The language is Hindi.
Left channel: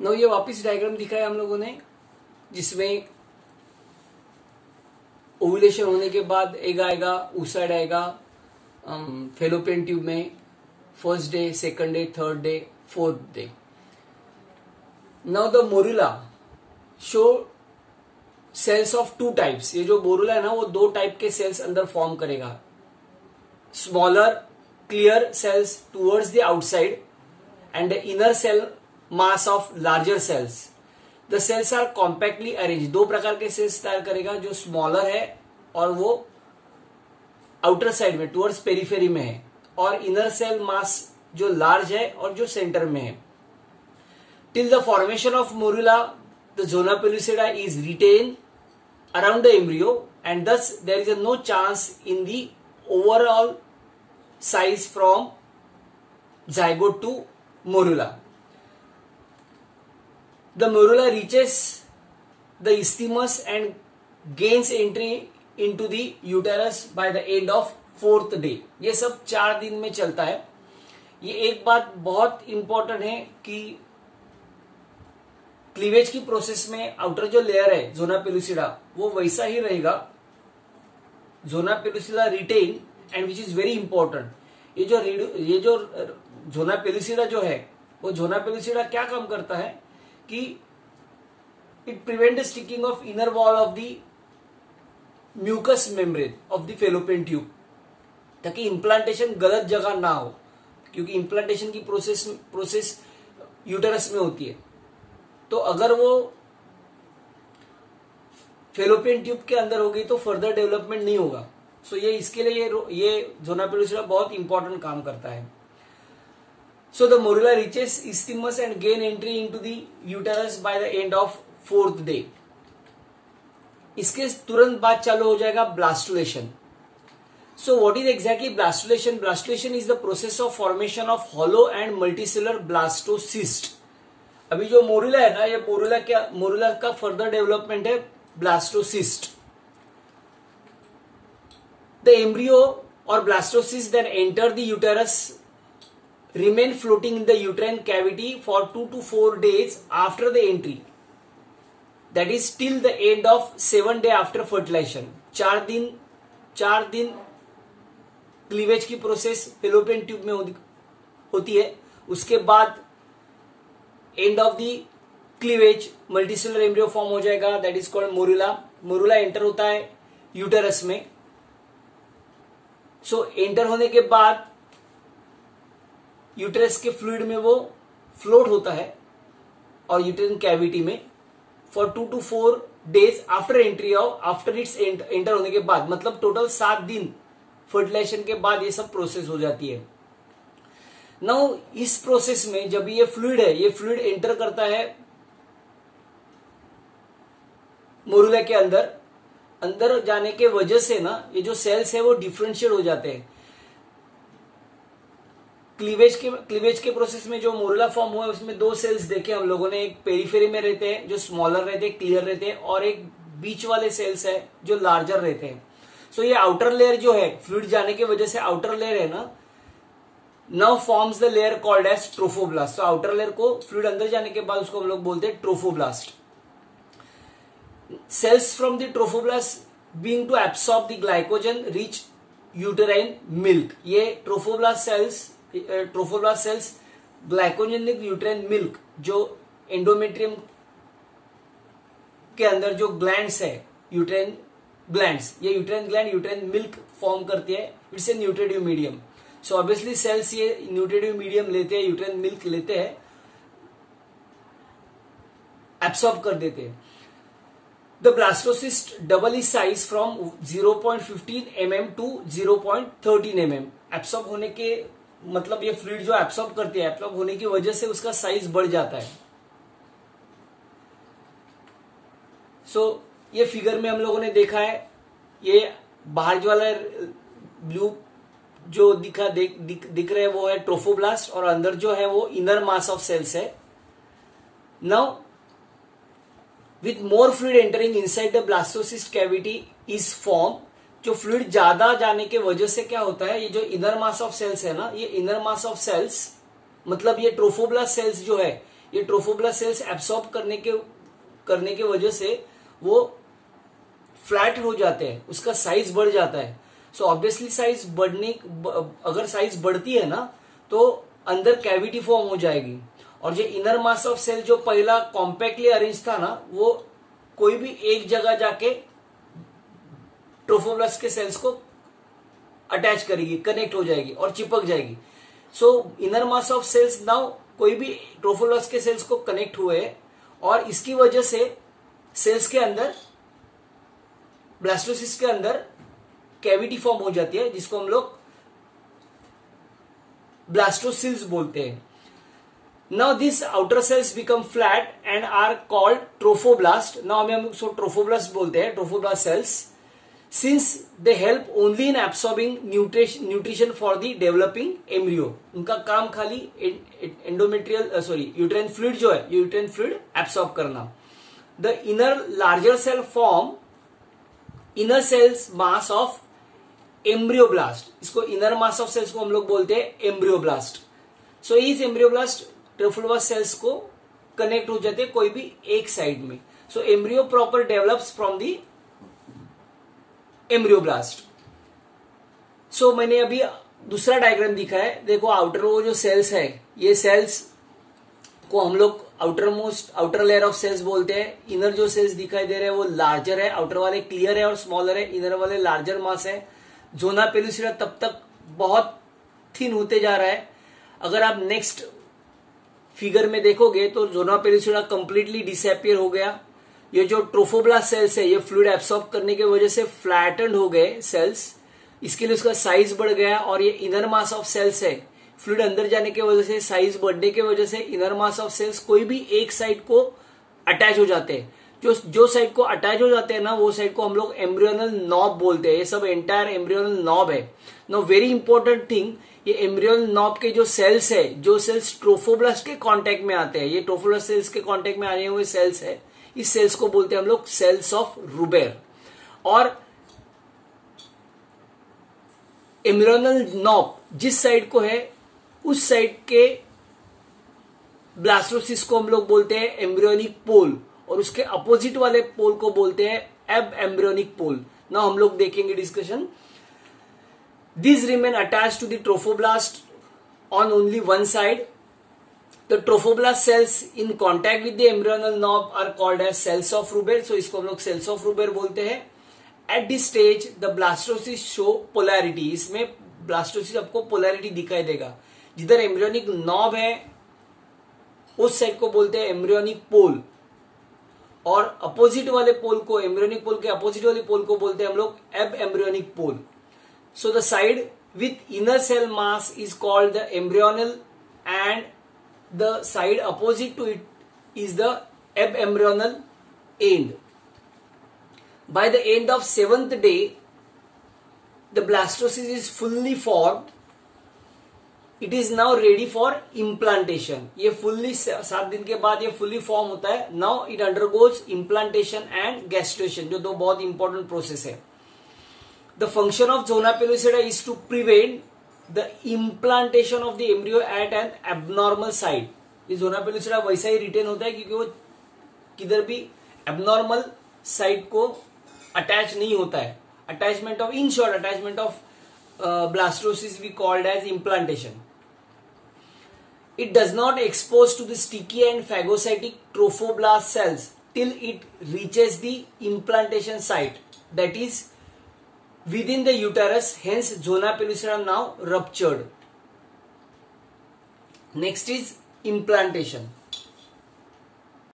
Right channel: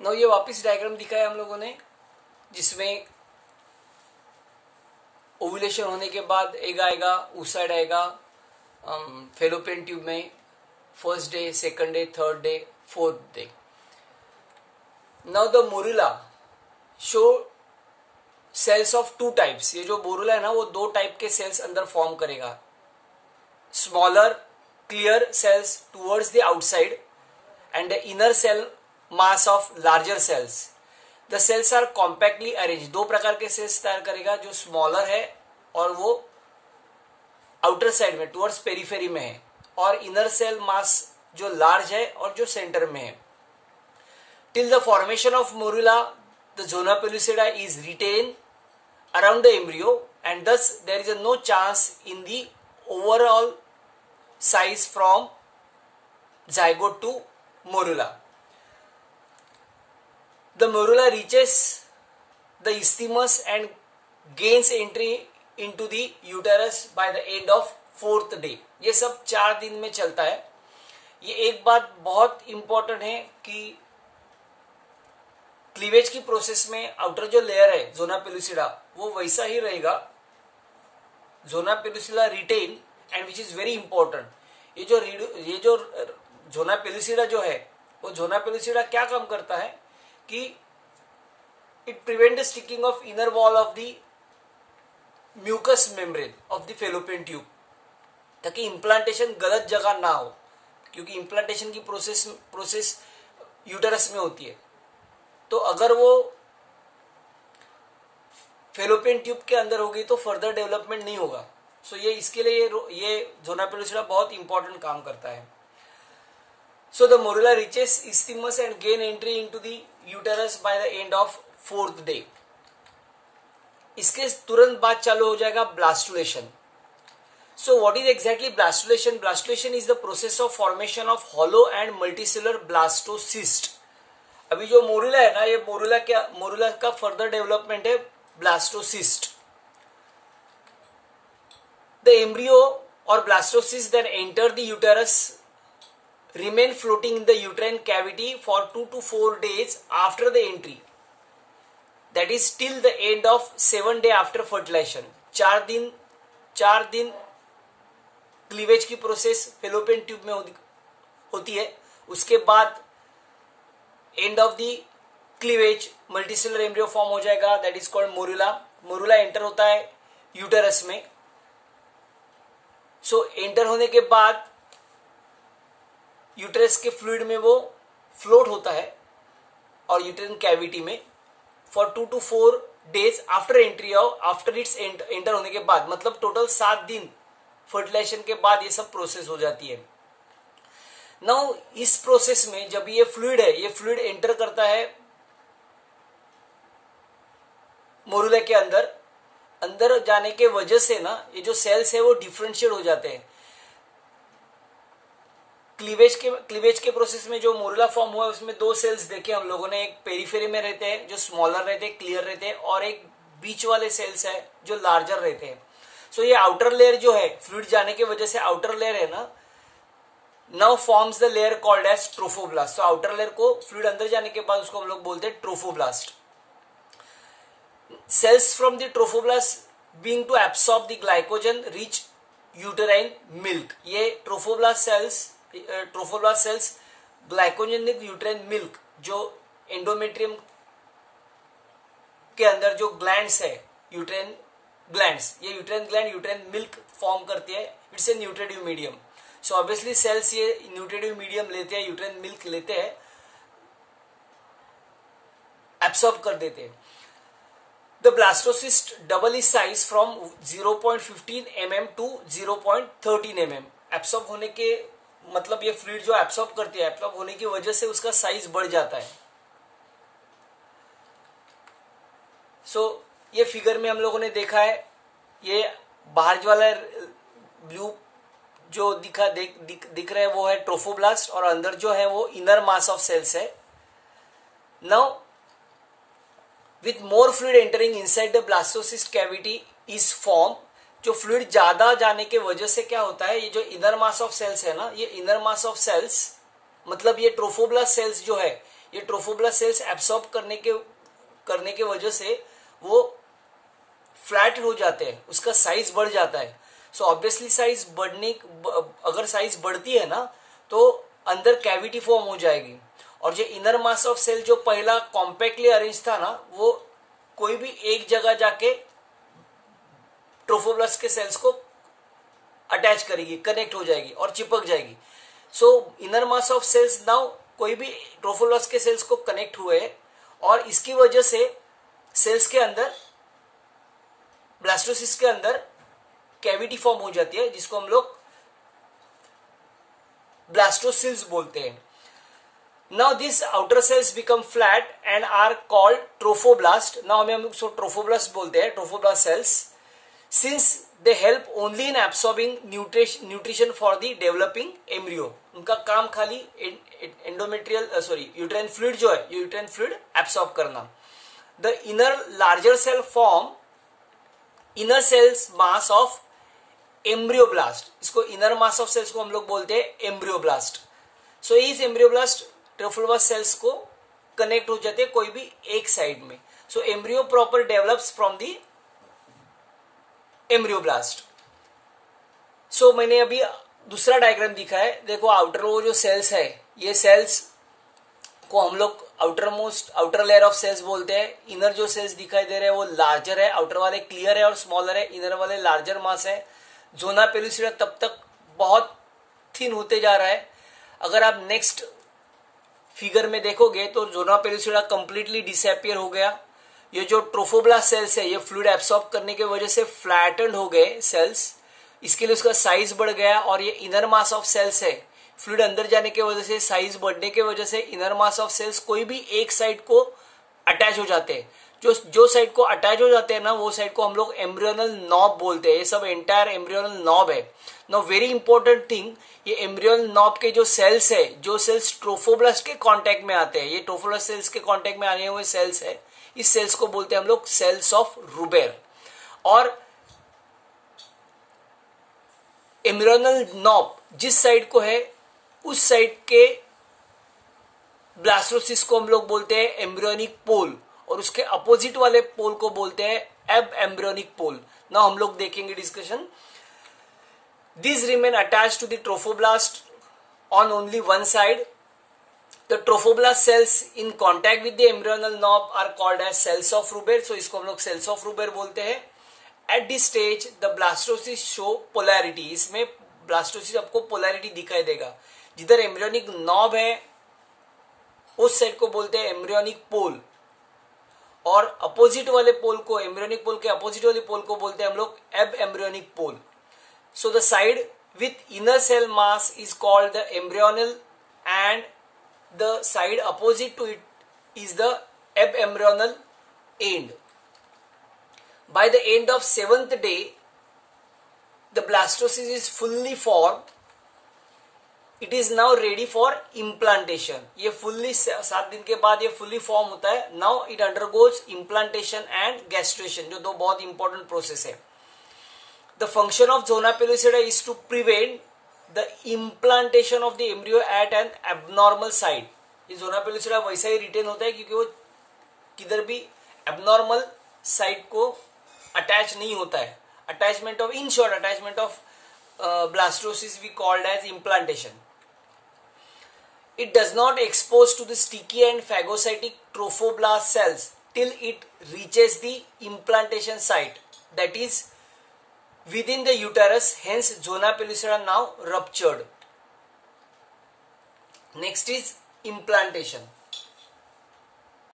नाउ ये वापस डायग्राम दिखाया हम लोगों ने, जिसमें ओव्यूलेशन होने के बाद एग आएगा, oocyte आएगा फेलोपियन ट्यूब में, first day, second day, third day, fourth day. Now the morula show cells of two types. ये जो मोरुला है ना, वो दो टाइप के सेल्स अंदर फॉर्म करेगा. Smaller clear cells towards the outside and the inner cell mass of larger cells. The cells are compactly arrange. दो प्रकार के सेल्स तैयार करेगा, जो स्मॉलर है और वो आउटर साइड में टूवर्ड्स पेरिफेरी में है, और इनर सेल मास जो लार्ज है और जो सेंटर में है. Till the formation of morula the zona pellucida is retain around the embryo and thus there is no chance in the overall size from zygote to morula. The morula reaches the isthmus and gains entry into the uterus by the end of fourth day. ये सब 4 दिन में चलता है. ये एक बात बहुत इंपॉर्टेंट है कि क्लीवेज की प्रोसेस में आउटर जो लेयर है जोना पेलुसिडा, वो वैसा ही रहेगा. Zona pellucida retain and which is very important. ये जो जोना पेलुसिडा जो है, वो जोना पेलुसिडा क्या काम करता है कि it prevent the sticking of inner wall of the mucous membrane of the fallopian tube, ताकि इम्प्लांटेशन गलत जगह ना हो, क्योंकि इम्प्लांटेशन की प्रोसेस यूटेरस में होती है. तो अगर वो फेलोपियन ट्यूब के अंदर होगी तो फर्दर डेवलपमेंट नहीं होगा. सो ये इसके लिए ये जोना पेलुसिडा बहुत इंपॉर्टेंट काम करता है. So the morula reaches isthmus and gain entry into the uterus by the end of fourth day. इसके तुरंत बाद चालू हो जाएगा blastulation. So what is exactly blastulation? Blastulation is the process of formation of hollow and multicellular blastocyst. अभी जो मोरुला है ना, ये मोरुला का फर्दर डेवलपमेंट है ब्लास्टोसिस्ट. द एम्ब्रियो और blastocyst then enter the uterus, remain floating in the uterine cavity for 2 to 4 days after the entry. That is till the end of 7 day after fertilization. 4 दिन क्लीवेज की प्रोसेस फेलोपियन ट्यूब में होती है. उसके बाद end of the cleavage multicellular embryo form हो जाएगा, that is called morula. Morula enter होता है यूटेरस में. सो एंटर होने के बाद यूटेरस के फ्लूइड में वो फ्लोट होता है और यूटेरिन कैविटी में for 2 to 4 days after entry of after it's enter होने के बाद, मतलब टोटल 7 दिन फर्टिलाइजेशन के बाद ये सब प्रोसेस हो जाती है. नाउ इस प्रोसेस में जब ये फ्लूइड है, ये फ्लूइड एंटर करता है मोरुला के अंदर जाने के वजह से ना, ये जो सेल्स है वो डिफरेंशिएट हो जाते हैं. क्लीवेज के प्रोसेस में जो मोरुला फॉर्म हुआ है उसमें 2 सेल्स देखे हम लोगों ने. एक पेरिफेरी में रहते हैं जो स्मॉलर रहते हैं, क्लियर रहते हैं, और एक बीच वाले सेल्स है जो लार्जर रहते हैं. सो ये आउटर लेयर जो है, फ्लूइड जाने की वजह से आउटर लेयर है ना, now forms the layer called as trophoblast. तो आउटर लेयर को फ्लूइड अंदर जाने के बाद उसको हम लोग बोलते हैं trophoblast. Cells from the trophoblast being to absorb the glycogen rich uterine milk. ये trophoblast cells glycogenic uterine milk, जो एंडोमेट्रियम के अंदर जो ग्लैंड्स है, यूटेराइन ग्लैंड्स, ये uterine gland uterine milk form करती है. It's a nutritive medium. So obviously cells ये न्यूट्रिटिव मीडियम लेते हैं, यूटेराइन मिल्क लेते हैं, एब्सॉर्ब कर देते हैं. The blastocyst double its size from 0.15 mm to 0.13 mm. Absorb होने के मतलब ये फ्लूइड जो एब्सॉर्ब करती है, एब्सॉर्ब होने की वजह से उसका साइज बढ़ जाता है. सो ये फिगर में हम लोगों ने देखा है, ये बाहर वाला ब्लू जो दिख रहा है वो है ट्रोफोब्लास्ट, और अंदर जो है वो इनर मास ऑफ सेल्स है. Now with more fluid entering inside the blastocyst cavity is formed. जो फ्लूइड ज्यादा जाने के वजह से क्या होता है, ये जो इनर मास ऑफ सेल्स है ना, ये इनर मास ऑफ सेल्स मतलब ये ट्रोफोब्लास्ट सेल्स जो है ये ट्रोफोब्लास्ट सेल्स एब्सॉर्ब करने के वजह से वो फ्लैट हो जाते हैं, उसका साइज बढ़ जाता है। सो ऑब्वियसली साइज अगर साइज बढ़ती है ना तो अंदर कैविटी फॉर्म हो जाएगी, और जो इनर मास ऑफ सेल जो पहला कॉम्पैक्टली अरेंज था ना, वो कोई भी एक जगह जाके ट्रोफोब्लास्ट के सेल्स को अटैच करेगी, कनेक्ट हो जाएगी और चिपक जाएगी। So inner mass of cells now कोई भी ट्रोफोब्लास्ट के सेल्स को कनेक्ट हुए, और इसकी वजह से सेल्स के अंदर, ब्लास्टोसिस्ट के अंदर कैविटी फॉर्म हो जाती है, जिसको हम लोग ब्लास्टोसिल्स बोलते हैं। Now this outer cells become flat and are called trophoblast. Now हम उसको ट्रोफोब्लास्ट बोलते हैं, trophoblast cells, since they help only in absorbing nutrition for the developing embryo. उनका काम खाली यूट्राइन फ्लूइड जो है, यूट्राइन फ्लूइड एब्सॉर्ब करना। The inner larger cell form inner cells mass of embryoblast. इसको इनर मास ऑफ सेल्स को हम लोग बोलते हैं एम्ब्रियोब्लास्ट। सो इस एम्ब्रियोब्लास्ट ट्रोफोब्लास्ट सेल्स को कनेक्ट हो जाते हैं कोई भी एक साइड में। So embryo proper develops from the embryoblast. So मैंने अभी दूसरा डायग्राम दिखा है, देखो आउटर वो जो सेल्स है, ये सेल्स को हम लोग आउटर लेयर ऑफ सेल्स बोलते हैं। इनर जो सेल्स दिखाई दे रहे हैं वो लार्जर है, आउटर वाले क्लियर है और स्मॉलर है, इनर वाले लार्जर मास है। जोना पेलुसिडा तब तक बहुत थिन होते जा रहा है। अगर आप नेक्स्ट फिगर में देखोगे तो जोना पेलुसिडा कंप्लीटली डिसअपियर हो गया। ये जो ट्रोफोब्लास्ट सेल्स है, ये फ्लूइड एब्सॉर्ब करने की वजह से फ्लैटेंड हो गए सेल्स, इसके लिए उसका साइज बढ़ गया। और ये इनर मास ऑफ सेल्स है, फ्लूइड अंदर जाने की वजह से, साइज बढ़ने की वजह से इनर मास ऑफ सेल्स कोई भी एक साइड को अटैच हो जाते हैं। जो साइड को अटैच हो जाते हैं ना, वो साइड को हम लोग एम्ब्रियोनल नॉब बोलते हैं। ये सब एंटायर एम्ब्रियोनल नॉब है। नाउ वेरी इंपॉर्टेंट थिंग, ये एम्ब्रियोनल नॉब के जो सेल्स है, जो सेल्स ट्रोफोब्लास्ट के कांटेक्ट में आते हैं, ये ट्रोफोब्लास्ट सेल्स के कांटेक्ट में आने हुए सेल्स है, इस सेल्स को बोलते हैं हम लोग सेल्स ऑफ रूबेर। और एम्ब्रियोनल नॉब जिस साइड को है, उस साइड के ब्लास्टोसिस्ट को हम लोग बोलते हैं एम्ब्रियोनिक पोल, और उसके अपोजिट वाले पोल को बोलते हैं एब एम्ब्रियोनिक पोल। ना हम लोग देखेंगे discussion. These remain attached to the trophoblast on only one side. The trophoblast cells in contact with the embryonal knob are called as cells of Ruber. So इसको हम लोग cells of Ruber बोलते हैं। At this stage, the blastocysts show polarity. इसमें blastocyst आपको polarity दिखाई देगा। जिधर embryonic knob है, उस साइड को बोलते हैं embryonic pole, और अपोजिट वाले पोल को, embryonic pole के अपोजिट वाले पोल को बोलते हैं हम लोग ab embryonic pole. So the side with inner cell mass is called the embryonal, and the side opposite to it is the abembryonal end. By the end of 7th day, the blastocyst is fully formed. It is now ready for implantation. ये fully 7 दिन के बाद ये fully form होता है. Now it undergoes implantation and gastration, जो दो बहुत important process है. The function of zona pellucida is to prevent the implantation of the embryo at an abnormal site. ये zona pellucida वैसा ही रिटेन होता है क्योंकि वो किधर भी abnormal site को अटैच नहीं होता है. Attachment of, in short, attachment of blastocyst we called as implantation. It does not expose to the sticky and phagocytic trophoblast cells till it reaches the implantation site, that is within the uterus. Hence zona pellucida now ruptured. Next is implantation.